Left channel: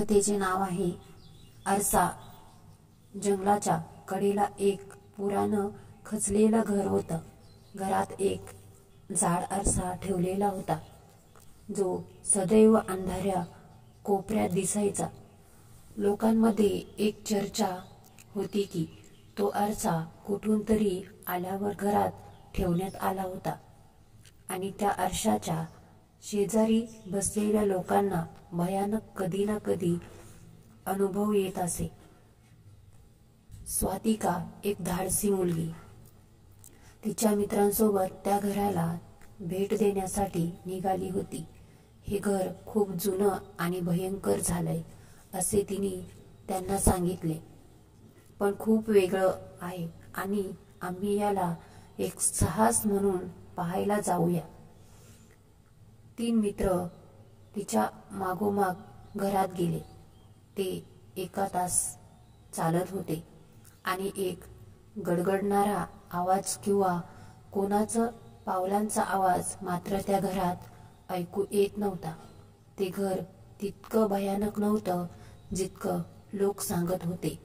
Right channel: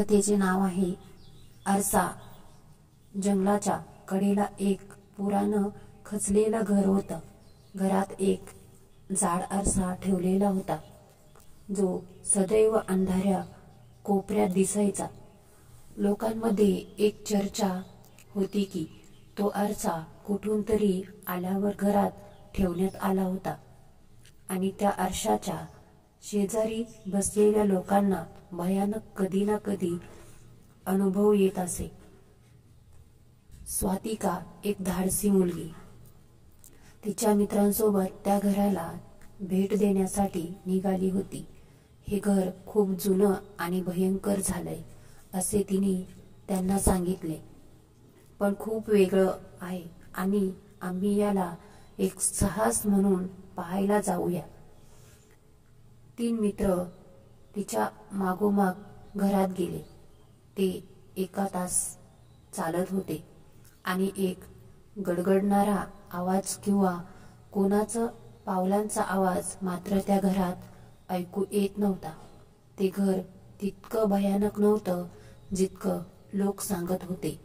कथेचे नाव आहे आरसा. जंगलाच्या कडेला एक पुरानं खचलेलं घर होतं. घरात एक जाड आरसा ठेवलेला होता, जो सदैव अंधाऱ्या कोपऱ्यात दिसायचा. लोकांमध्ये एक चर्चा होती की तो आरसा कुठून तरी आल्यावर घरात ठेवण्यात आला होता आणि त्या आरशाच्या शेजारी बसलेल्या लोकांना भयानक कधी ना कधी अनुभव येत असे. स्वातिका एक धाडसी मुलगी. तिच्या मित्रांसोबत त्या घराला भेट देण्यासाठी निघाली होती. हे घर खूप जुनं आणि भयंकर झालंय असे तिने त्यांना सांगितले, पण खूप वेगळं आहे आणि आम्ही याला एक साहस म्हणून पाहायला जाऊया. 3 मित्र तिच्या मागोमाग घरात गेले. ते 1 तास चालत होते आणि एक गडगडणारा आवाज किंवा कोणाचा पावलांचा आवाज मात्र त्या घरात ऐकू येत नव्हता. ते घर तितकं भयानक नव्हतं जितकं लोक सांगत होते,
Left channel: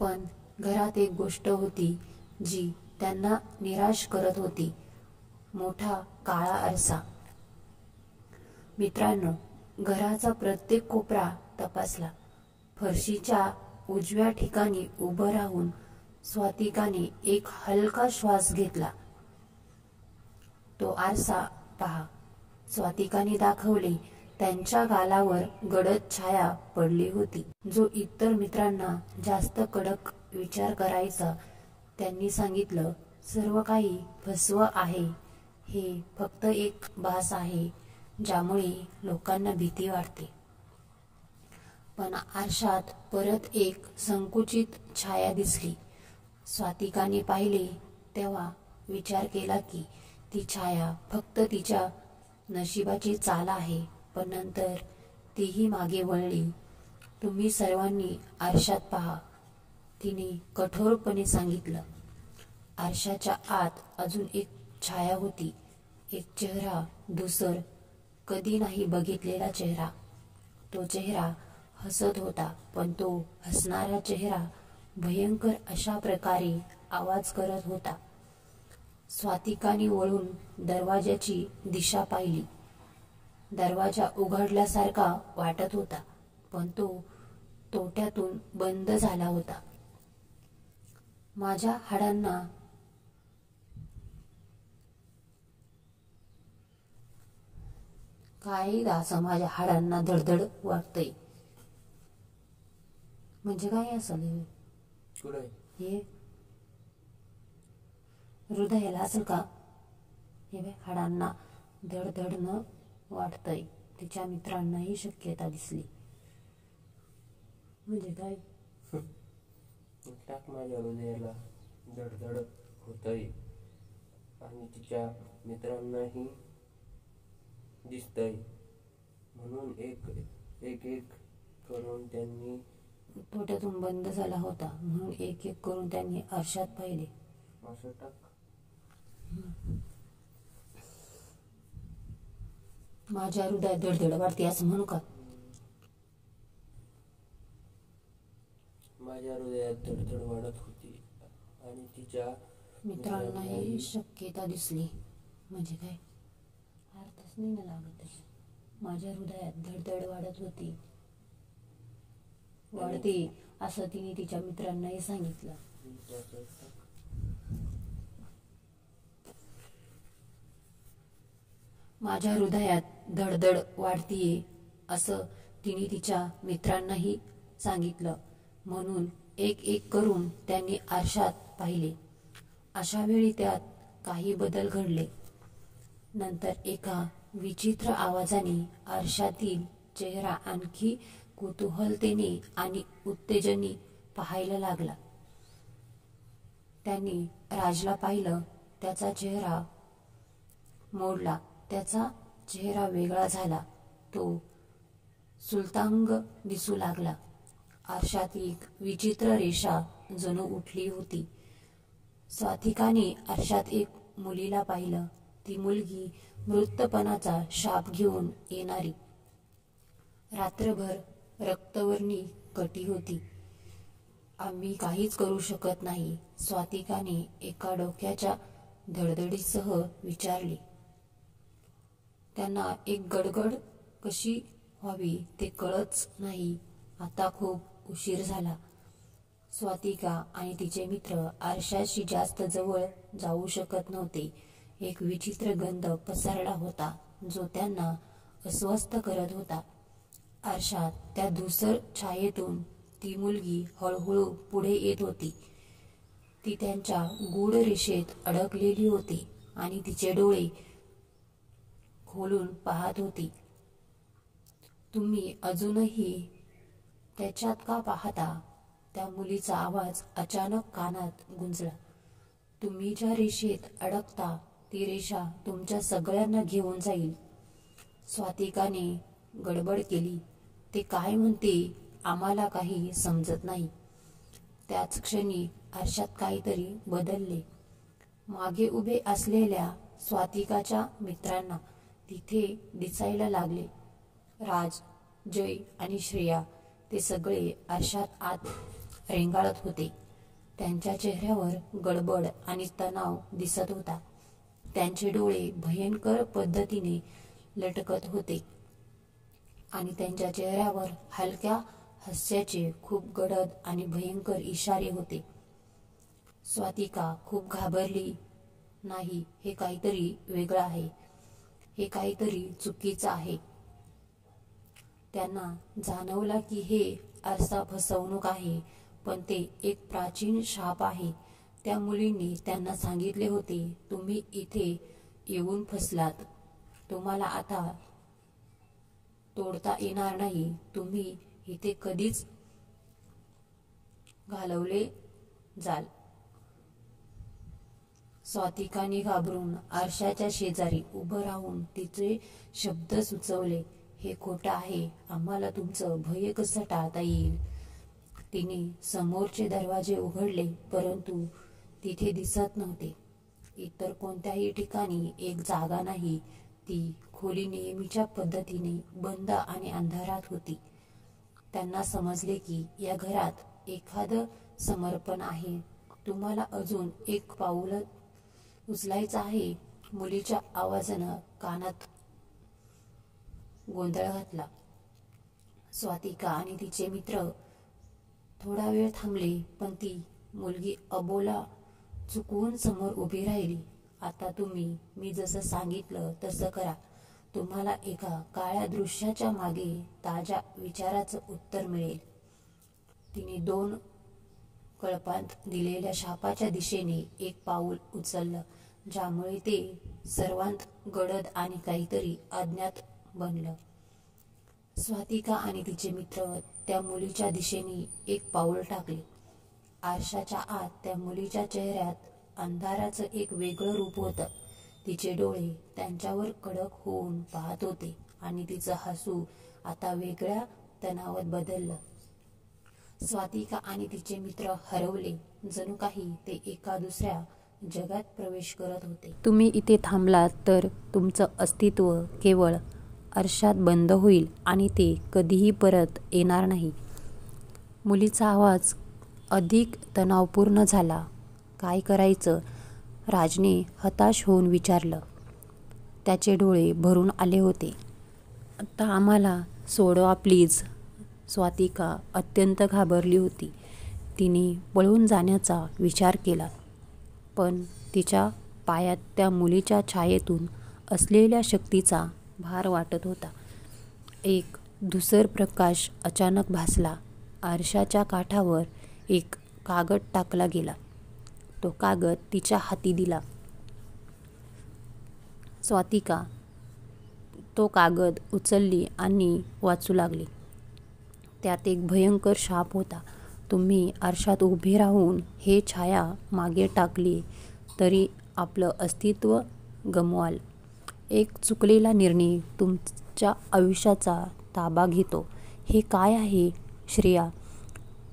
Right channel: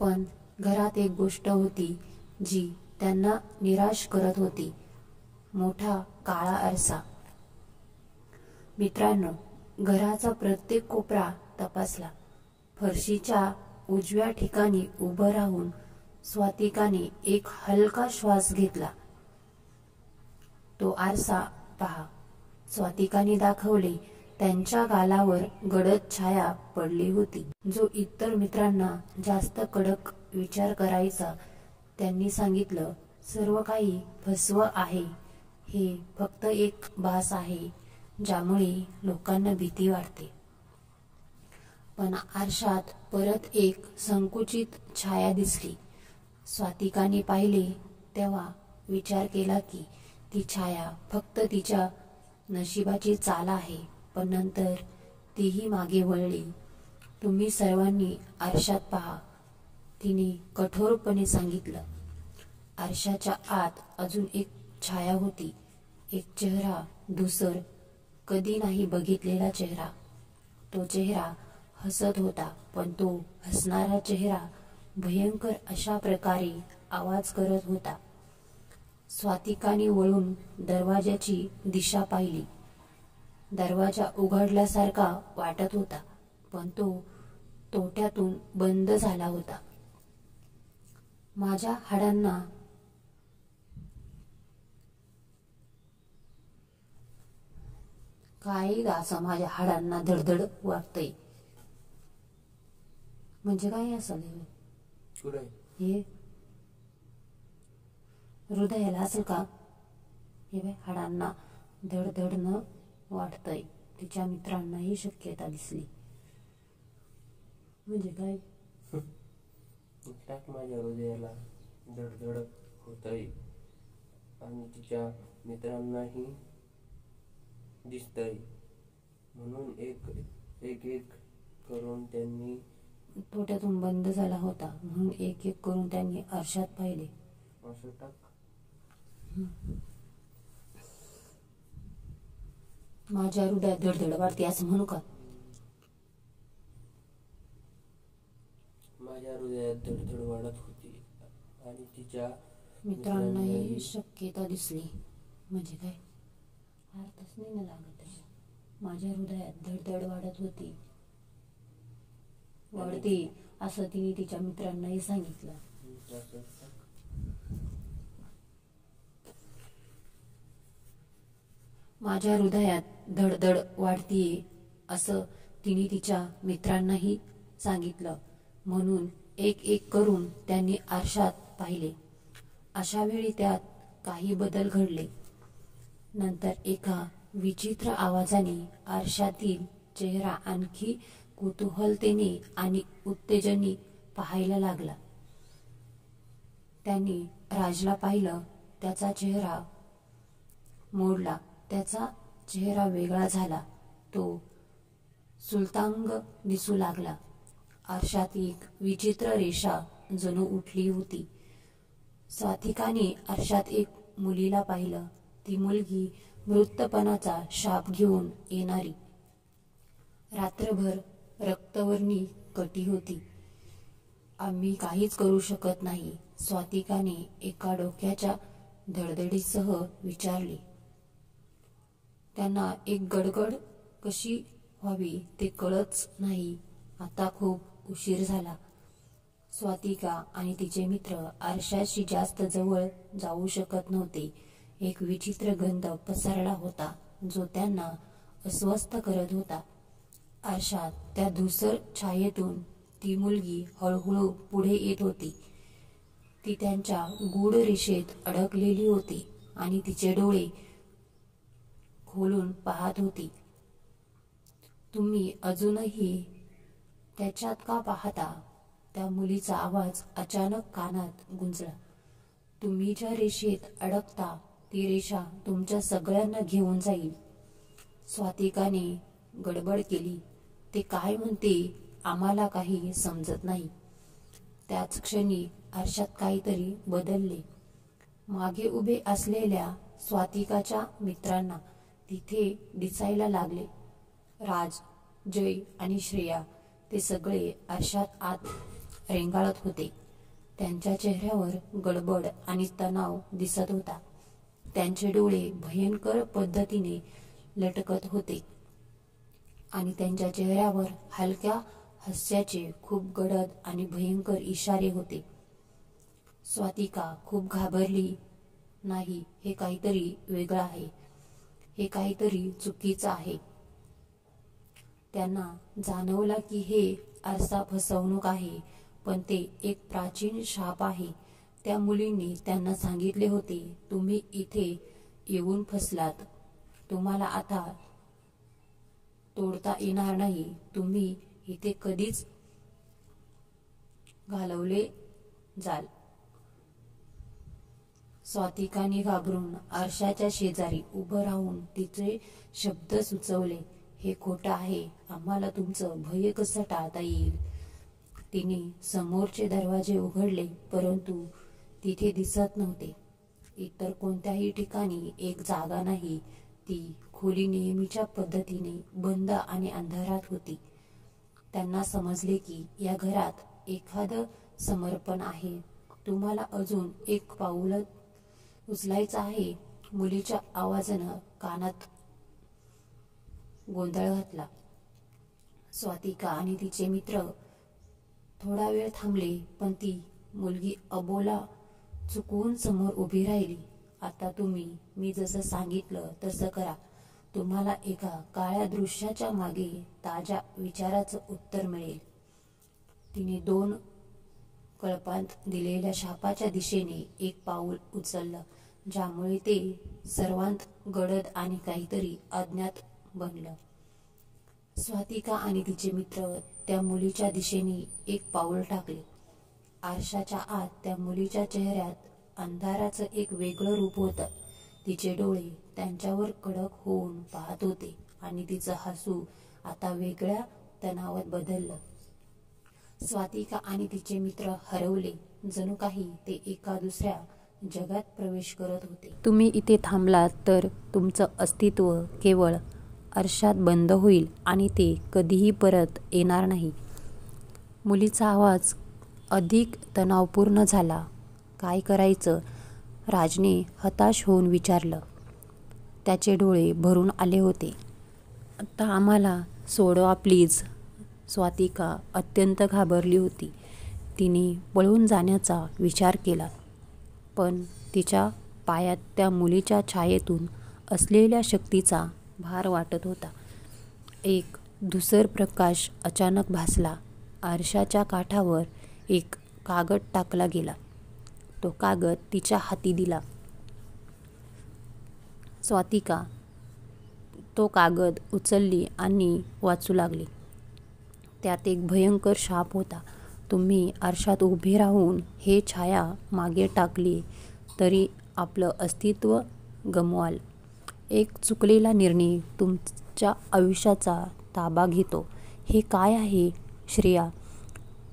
पण घरात एक गोष्ट होती जी त्यांना निराश करत होती. मोठा काळा आरसा. मित्रांनो, घराचा प्रत्येक कोपरा तपासला. फरशीच्या उजव्या ठिकाणी उभं राहून स्वातिकाने एक हलका श्वास घेतला. तो आरसा पहा, स्वातिकाने दाखवले. त्यांच्या गालावर गडद छाया पडली होती. जो इतर मित्रांना जास्त कडक विचार करायचा. त्यांनी सांगितलं, सर्व काही फसवं आहे. हे फक्त एक भास आहे ज्यामुळे लोकांना भीती वाटते. पण आरशात परत एक संकुचित छाया दिसली. स्वातिकाने पाहिले तेव्हा विचार केला की ती छाया फक्त तिच्या नशिबाची चाल आहे. पण नंतर तीही मागे वळली. तुम्ही सर्वांनी आरशात पहा, तिने कठोरपणे सांगितलं. आरशाच्या आत अजून एक छाया होती. एक चेहरा, धूसर, कधी नाही बघितलेला चेहरा. तो चेहरा हसत होता, पण तो हसणारा चेहरा भयंकर अशा प्रकारे आवाज करत होता. स्वातिकाने वळून दरवाजाची दिशा पाहिली. दरवाजा उघडल्यासारखा वाटत होता, पण तो तोट्यातून बंद झाला होता. माझ्या हाडांना काय असं माझ्या हाडांना धडधड वाटतंय. म्हणजे काय असेल हे? हृदयाला असेल का? हे बाय, हाडांना धडधडणं वाटतंय. तिच्या मित्रांना ही शक्यता दिसली. म्हणजे काय? टाक माझ्या हृदयाला धडधड होतय आणि तिच्या मित्रांनाही दिसतय. म्हणून एक करून त्यांनी तोट्यातून बंद झाला होता. म्हणून एक करून त्यांनी आरशात पाहिले. असं टाक. माझ्या हृदयात धडधड वाढते असं म्हणू का? माझ्या हृदयात धडधड वाढत होती आणि तिच्या मित्रांनाही शक्यता दिसली. म्हणजे काय? अर्थच नाही ना लागत आहे. माझ्या हृदयात धडधड वाढत होती, वाढते असं तिने तिच्या मित्रांनाही सांगितलं. माझ्या हृदयात धडधड वाढतीये असं तिने तिच्या मित्रांनाही सांगितलं. म्हणून एक करून त्यांनी आरशात पाहिले. अशा वेळी त्यात काही बदल घडले. नंतर एका विचित्र आवाजाने आरशातील चेहरा आणखी कुतूहलतेने आणि उत्तेजने पाहायला लागला. त्यांनी राजला पाहिलं. त्याचा चेहरा मोडला. त्याचा चेहरा वेगळा झाला. तो सुलतांग दिसू लागला. आरशात एक विचित्र रेषा जणू उठली होती. स्वातिकाने आरशात एक मुलीला पाहिलं. ती मुलगी मृतपणाचा शाप घेऊन येणारी. रात्रभर रक्तवर्णी कटी होती. आम्ही काहीच करू शकत नाही, स्वातिकाने एका डोक्याच्या धडधडीसह विचारले. त्यांना एक गडगड कशी व्हावी ते कळच नाही. आता खूप उशीर झाला. स्वातिका आणि तिचे मित्र आरशाशी जास्त जवळ जाऊ शकत नव्हते. एक विचित्र गंध पसरला होता जो त्यांना अस्वस्थ करत होता. आरशात त्या धूसर छायेतून ती मुलगी हळूहळू पुढे येत होती. ती त्यांच्या गूढ रेषेत अडकलेली होती आणि तिचे डोळे खोलून पाहत होती. तुम्ही अजूनही त्याच्यात का पाहता? त्या मुलीचा आवाज अचानक कानात गुंजला. तुम्ही ज्या रेषेत अडकता ती रेषा तुमच्या सगळ्यांना घेऊन जाईल. स्वातिकाने गडबड केली. ते काय म्हणते आम्हाला काही समजत नाही. त्याच क्षणी आरशात काहीतरी बदलले. मागे उभे असलेल्या स्वातिकाच्या मित्रांना तिथे दिसायला लागले. राज, जय आणि श्रेया ते सगळे आरशात आत रेंगाळत होते. त्यांच्या चेहऱ्यावर गडबड आणि तणाव दिसत होता. त्यांचे डोळे भयंकर पद्धतीने लटकत होते आणि त्यांच्या चेहऱ्यावर हलक्या हास्याचे खूप गडद आणि भयंकर इशारे होते. स्वातिका खूप घाबरली. नाही, हे काहीतरी वेगळं आहे. हे काहीतरी चुकीचं आहे. त्यांना जाणवला की हे आरसा फसवणूक आहे, पण ते एक प्राचीन शाप आहे. त्या मुलींनी त्यांना सांगितले होते, तुम्ही इथे येऊन फसलात. तुम्हाला आता तोडता येणार नाही. तुम्ही इथे कधीच घालवले जाल. स्वातिकाने घाबरून आरशाच्या शेजारी उभं राहून तिचे शब्द सुचवले. हे खोटं आहे. आम्हाला तुमचं भय कसं टाळता येईल? तिने समोरचे दरवाजे उघडले, परंतु तिथे दिसत नव्हते. इतर कोणत्याही ठिकाणी एक जागा नाही. ती खोली नेहमीच्या पद्धतीने बंद आणि अंधारात होती. त्यांना समजले की या घरात एखादं समर्पण आहे. तुम्हाला अजून एक पाऊल उचलायचं आहे. मुलीच्या आवाजानं कानात गोंधळ घातला. स्वातिका आणि तिचे मित्र थोडा वेळ थांबले, पण ती मुलगी अबोला चुकवून समोर उभी राहिली. आता तुम्ही मी जसं सांगितलं तसं करा. तुम्हाला एका काळ्या दृश्याच्या मागे ताज्या विचाराचं उत्तर मिळेल. तिने 2 कळपांत दिलेल्या शापाच्या दिशेने एक पाऊल उचललं, ज्यामुळे ते सर्वांत गडद आणि काहीतरी अज्ञात बनलं. स्वातिका आणि तिचे मित्र त्या मुलीच्या दिशेने एक पाऊल टाकले. आरशाच्या आत त्या मुलीच्या चेहऱ्यात अंधाराचं एक वेगळं रूप होतं. तिचे डोळे त्यांच्यावर कडक होऊन पाहत होते आणि तिचं हसू आता वेगळ्या तणावात बदललं. स्वातिका आणि तिचे मित्र हरवले, जणू काही ते एका दुसऱ्या जगात प्रवेश करत होते. तुम्ही इथे थांबलात तर तुमचं अस्तित्व केवळ आरशात बंद होईल आणि ते कधीही परत येणार नाही. मुलीचा आवाज अधिक तणावपूर्ण झाला. काय करायचं? राजने हताश होऊन विचारलं. त्याचे डोळे भरून आले होते. आता आम्हाला सोडवा प्लीज. स्वातिका अत्यंत घाबरली होती. तिने पळून जाण्याचा विचार केला, पण तिच्या पायात त्या मुलीच्या छायेतून असलेल्या शक्तीचा भार वाटत होता. एक धूसर प्रकाश अचानक भासला. आरशाच्या काठावर एक कागद टाकला गेला. तो कागद तिच्या हाती दिला. स्वातिका तो कागद उचलली आणि वाचू लागली. त्यात एक भयंकर शाप होता. तुम्ही आरशात उभे राहून हे छाया मागे टाकली तरी आपलं अस्तित्व गमवाल. एक चुकलेला निर्णय तुमच्या आयुष्याचा ताबा घेतो. हे काय आहे? श्रेया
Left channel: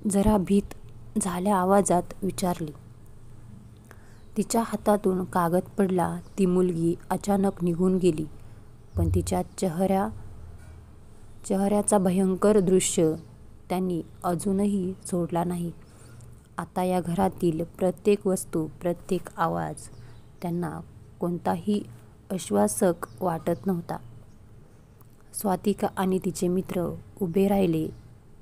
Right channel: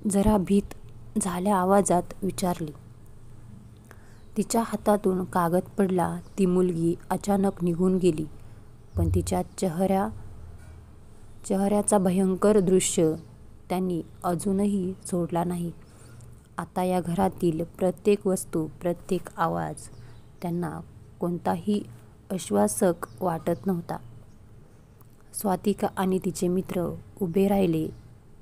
जरा भीत झाल्या आवाजात विचारली. तिच्या हातातून कागद पडला. ती मुलगी अचानक निघून गेली, पण तिच्या चेहऱ्याचा भयंकर दृश्य त्यांनी अजूनही सोडला नाही. आता या घरातील प्रत्येक वस्तू, प्रत्येक आवाज त्यांना कोणताही आश्वासक वाटत नव्हता. स्वातिका आणि तिचे मित्र उभे राहिले.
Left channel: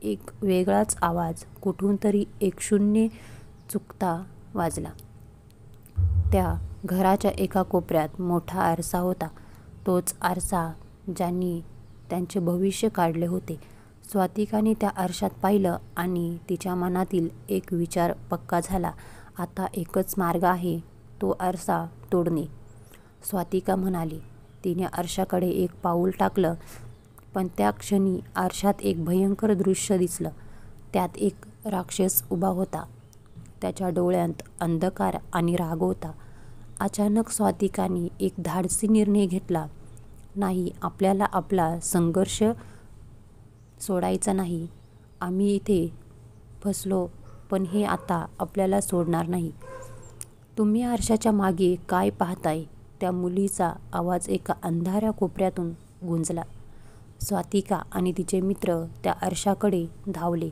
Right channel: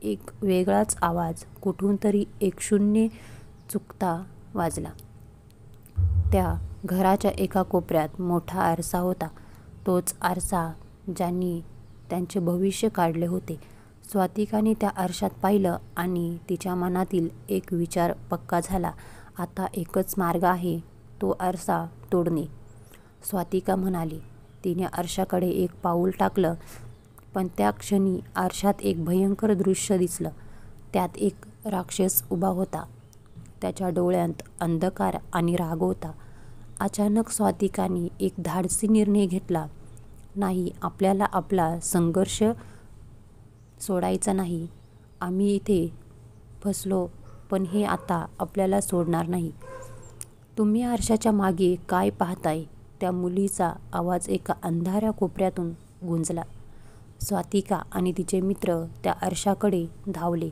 एक वेगळाच आवाज कुठून तरी एक शून्य चुकता वाजला. त्या घराच्या एका कोपऱ्यात मोठा आरसा होता. तोच आरसा ज्यांनी त्यांचे भविष्य काढले होते. स्वातिकाने त्या आरशात पाहिलं आणि तिच्या मनातील एक विचार पक्का झाला. आता एकच मार्ग आहे, तो आरसा तोडणे. स्वातिका म्हणाली. तिने आरशाकडे एक पाऊल टाकलं, पण त्या क्षणी आरशात एक भयंकर दृश्य दिसलं. त्यात एक राक्षस उभा होता. त्याच्या डोळ्यांत अंधकार आणि राग होता. अचानक स्वातिकाने एक धाडसी निर्णय घेतला. नाही, आपल्याला आपला संघर्ष सोडायचा नाही. आम्ही इथे फसलो, पण हे आता आपल्याला सोडणार नाही. तुम्ही आरशाच्या मागे काय पाहताय? त्या मुलीचा आवाज एका अंधाऱ्या कोपऱ्यातून गुंजला. स्वातिका आणि तिचे मित्र त्या आरशाकडे धावले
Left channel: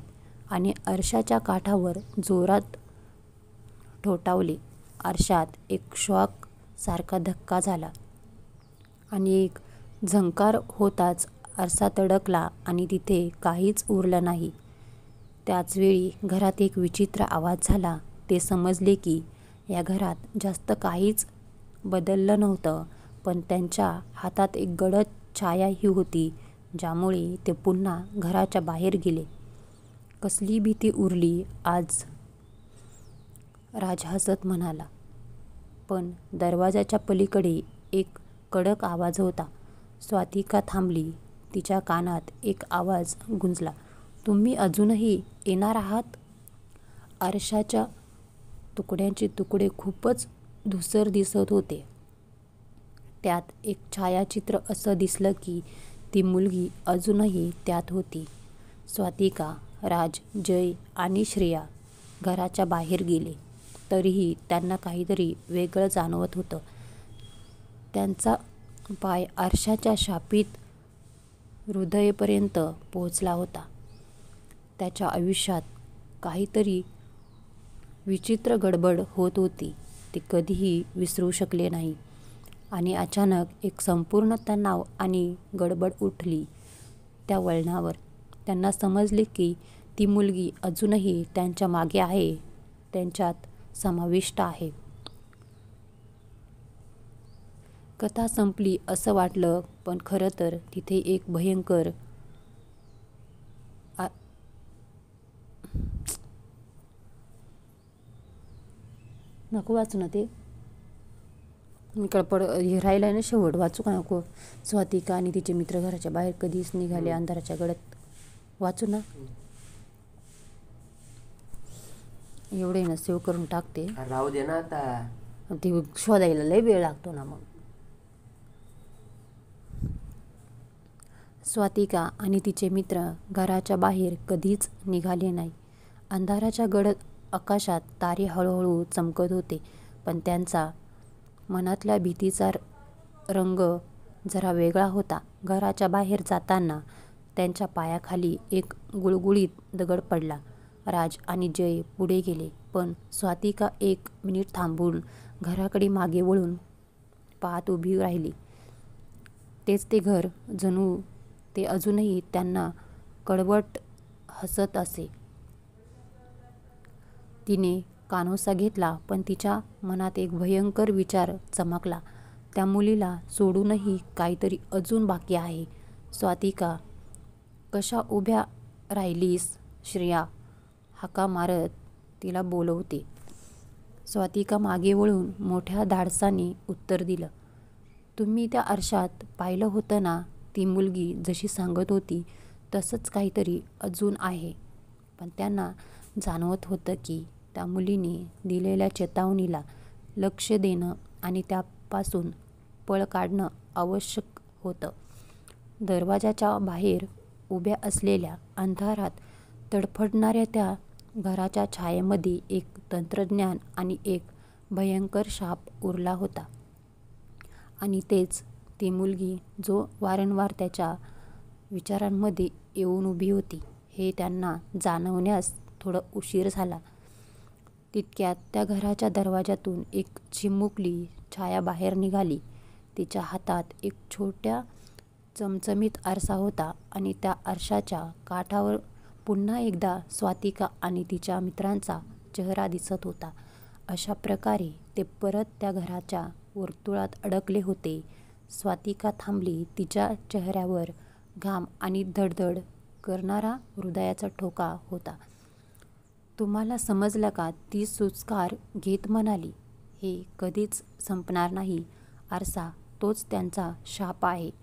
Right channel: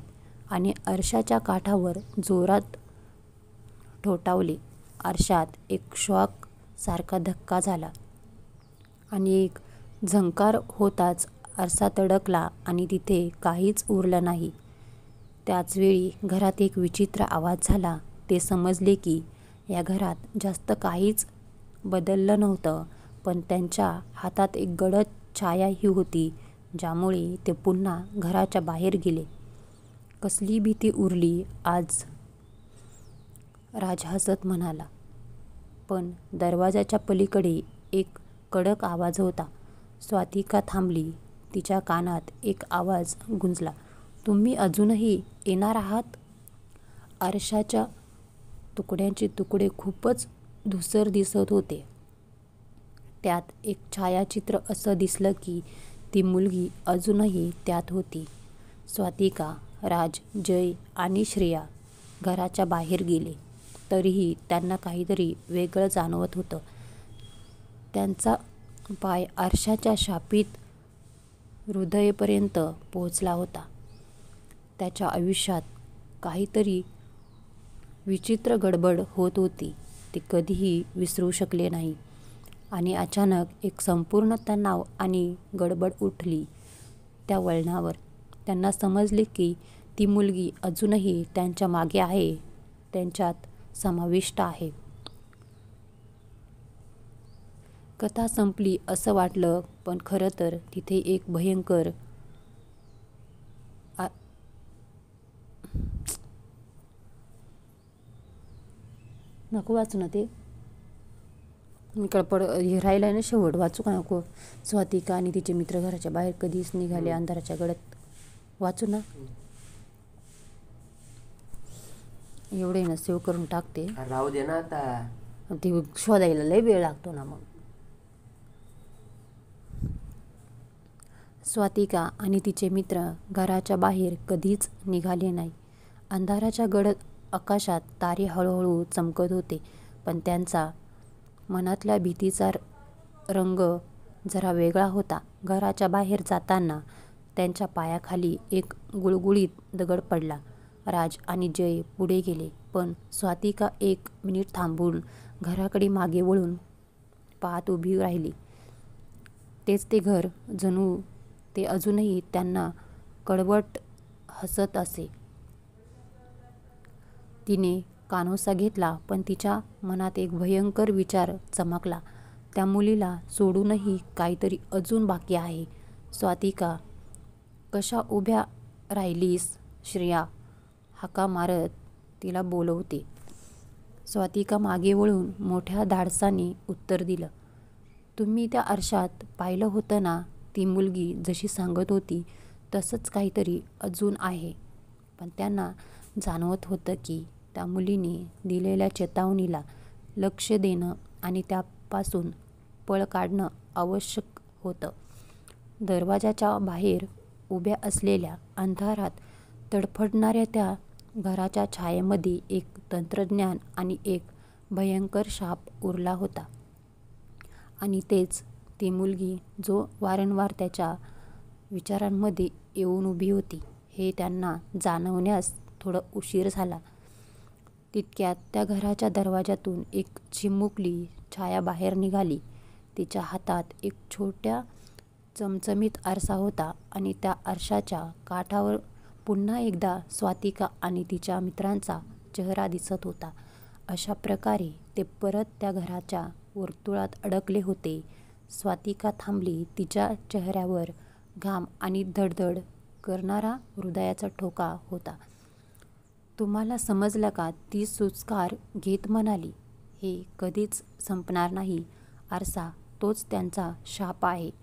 आणि आरशाच्या काठावर जोरात ठोठावले. आरशात एक शॉक सारखा धक्का झाला आणि एक झंकार होताच आरसा तडकला आणि तिथे काहीच उरलं नाही. त्याच वेळी घरात एक विचित्र आवाज झाला. ते समजले की या घरात जास्त काहीच बदललं नव्हतं, पण त्यांच्या हातात एक गडद छायाही होती, ज्यामुळे ते पुन्हा घराच्या बाहेर गेले. कसली भीती उरली आज, राज हसत म्हणाला. पण दरवाजाच्या पलीकडे एक कडक आवाज होता. स्वातिका थांबली. तिच्या कानात एक आवाज गुंजला. तुम्ही अजूनही येणार आहात? आरशाच्या तुकड्यांचे तुकडे खूपच धूसर दिसत होते. त्यात एक छायाचित्र असं दिसलं की ती मुलगी अजूनही त्यात होती. स्वातिका, राज, जय आणि श्रेया घराच्या बाहेर गेले. तरीही त्यांना काहीतरी वेगळं जाणवत होतं. त्यांचा पाय आरशाच्या शापित हृदयापर्यंत पोहोचला होता. त्याच्या आयुष्यात काहीतरी विचित्र गडबड होत होती. ते कधीही विसरू शकले नाही. आणि अचानक एक संपूर्ण तणाव आणि गडबड उठली त्या वळणावर. त्यांना समजले की ती मुलगी अजूनही त्यांच्या मागे आहे, त्यांच्यात समाविष्ट आहे. कथा संपली असं वाटलं, पण खरं तर तिथे एक भयंकर नको वाचू ना ते. हे राहिलं ना शेवट, वाचू का नको? स्वातिका आणि तिचे मित्र घराच्या बाहेर कधीच निघाले अंधाराच्या गडद. वाचू ना? एवढे ना सेव्ह करून टाकते. राहू दे ना आता. ते शोधायला लय वेळ लागतो ना मग. स्वातिका आणि तिचे मित्र घराच्या बाहेर कधीच निघाले नाही. अंधाराच्या गडद आकाशात तारे हळूहळू चमकत होते, पण त्यांचा मनातल्या भीतीचा रंग जरा वेगळा होता. घराच्या बाहेर जाताना त्यांच्या पायाखाली एक गुळगुळीत दगड पडला. राज आणि जय पुढे गेले, पण स्वातिका 1 मिनिट थांबून घराकडे मागे वळून पाहत उभी राहिली. तेच ते घर, जणू ते अजूनही त्यांना कडवट हसत असे. तिने कानोसा घेतला, पण तिच्या मनात एक भयंकर विचार चमकला. त्या मुलीला सोडूनही काहीतरी अजून बाकी आहे. स्वातिका, कशा उभ्या राहिलीस? श्रेया हाका मारत तिला बोलवते. स्वातिका मागे वळून मोठ्या धाडसाने उत्तर दिलं. तुम्ही त्या आरशात पाहिलं होतं ना? ती मुलगी जशी सांगत होती तसंच काहीतरी अजून आहे. पण त्यांना जाणवत होतं की त्या मुलीने दिलेल्या चेतावणीला लक्ष देणं आणि त्यापासून पळ काढणं आवश्यक होतं. दरवाजाच्या बाहेर उभ्या असलेल्या अंधारात तडफडणाऱ्या त्या घराच्या छायेमध्ये एक तंत्रज्ञान आणि एक भयंकर शाप उरला होता. आणि तेच ती मुलगी जो वारंवार त्याच्या विचारांमध्ये येऊन उभी होती हे त्यांना जाणवण्यास थोडं उशीर झाला. तितक्यात त्या घराच्या दरवाजातून एक चिमुकली छाया बाहेर निघाली. तिच्या हातात एक छोट्या चमचमीत आरसा होता आणि त्या आरशाच्या काठावर पुन्हा एकदा स्वातिका आणि तिच्या मित्रांचा चेहरा दिसत होता. अशा प्रकारे ते परत त्या घराच्या वर्तुळात अडकले होते. स्वातिका थांबली. तिच्या चेहऱ्यावर घाम आणि धडधड करणारा हृदयाचा ठोका होता. तुम्हाला समजलं का? ती सुस्कार घेत म्हणाली. हे कधीच संपणार नाही. आरसा तोच त्यांचा शाप आहे.